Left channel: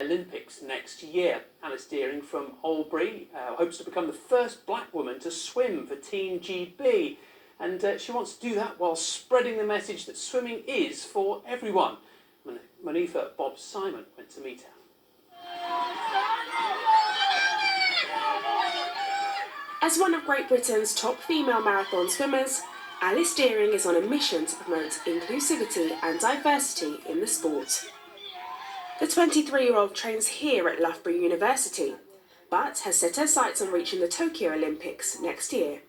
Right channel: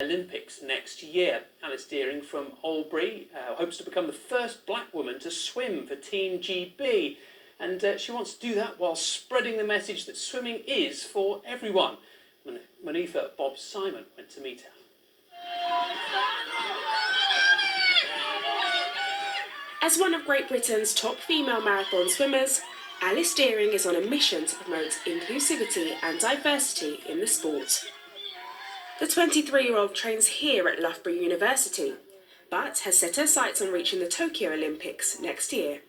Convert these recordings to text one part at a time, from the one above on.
Olympics next year. Alice Deering from Albury hopes to become the first black woman to swim for Team GB, and she wants to do that while spreading the message that swimming is for everyone. Manitha Bob Simon went to meet her. As one of Great Britain's top female marathon swimmers, Alice Deering is on a mission to promote inclusivity and diversity in the sport. The 23-year-old trains here at Loughborough University, but has set her sights on reaching the Tokyo Olympics next year.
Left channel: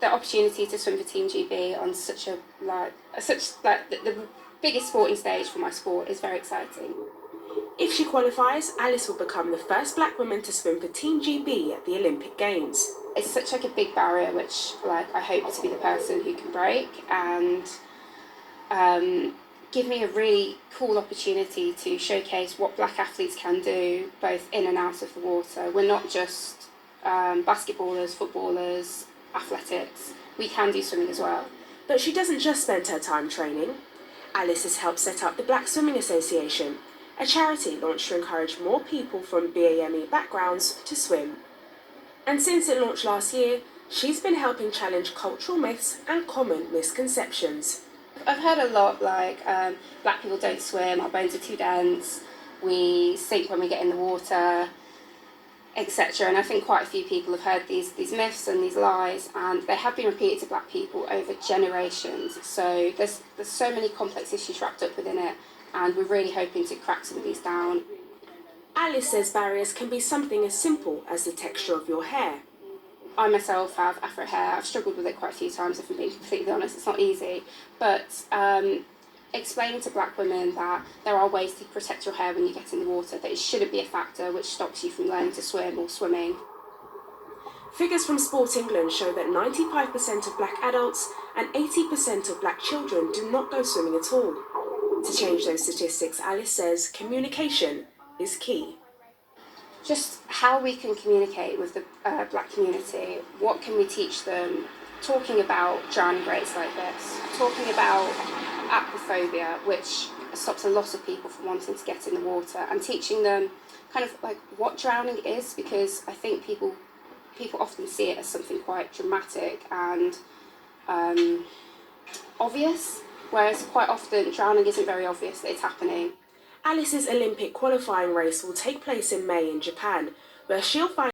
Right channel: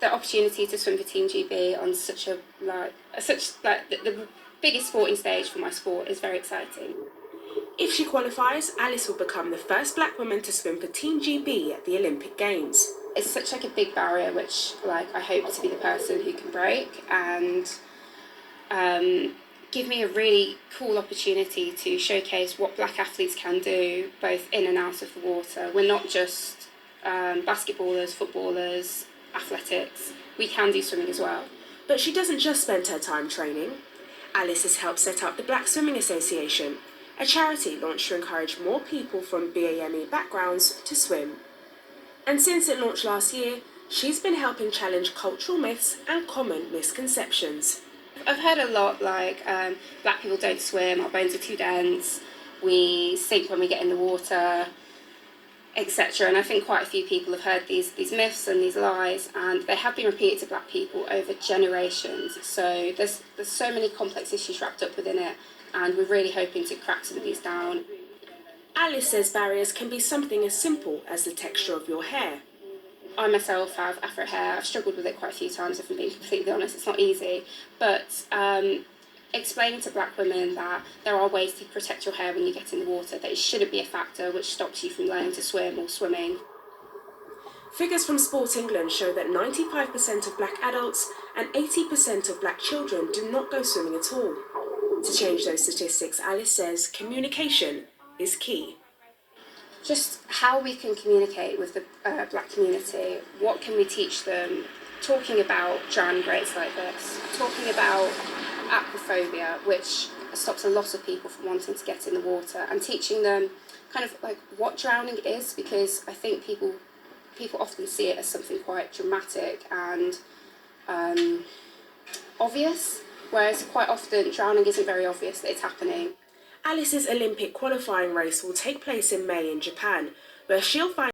The opportunity to swim for Team GB on the biggest sporting stage for my sport is very exciting. If she qualifies, Alice will become the first black woman to swim for Team GB at the Olympic Games. It's such a big barrier which I hope to be the person who can break and give me a really cool opportunity to showcase what black athletes can do both in and out of the water. We're not just basketballers, footballers, athletics. We can do swimming as well. But she doesn't just spend her time training. Alice has helped set up the Black Swimming Association, a charity launched to encourage more people from BAME backgrounds to swim. And since it launched last year, she's been helping challenge cultural myths and common misconceptions. I've heard a lot black people don't swim, our bones are too dense, we sink when we get in the water, etc. And I think quite a few people have heard these myths and these lies, and they have been repeated to black people over generations. So there's so many complex issues wrapped up within it, and we're really hoping to crack some of these down. Alice says barriers can be something as simple as the texture of your hair. I myself have afro hair. I've struggled with it quite a few times, if I'm being completely honest. It's not easy. But explaining to black women that there are ways to protect your hair when you get in the water, that it shouldn't be a factor which stops you from learning to swim or swimming. Figures from Sport England show that 95% of black adults and 80% of black children do not go swimming at all. To change those statistics, Alice says communication is key. Just how we can communicate with the black community, what can we teach them, talking about drowning rates like this, talking about aquaphobia, which stops a lot of people from wanting to get in the water, and teaching them what drowning is, because I think people often see it as something quite dramatic and obvious, whereas quite often drowning isn't very obvious that it's happening. Alice's Olympic qualifying race will take place in May in Japan, where she'll find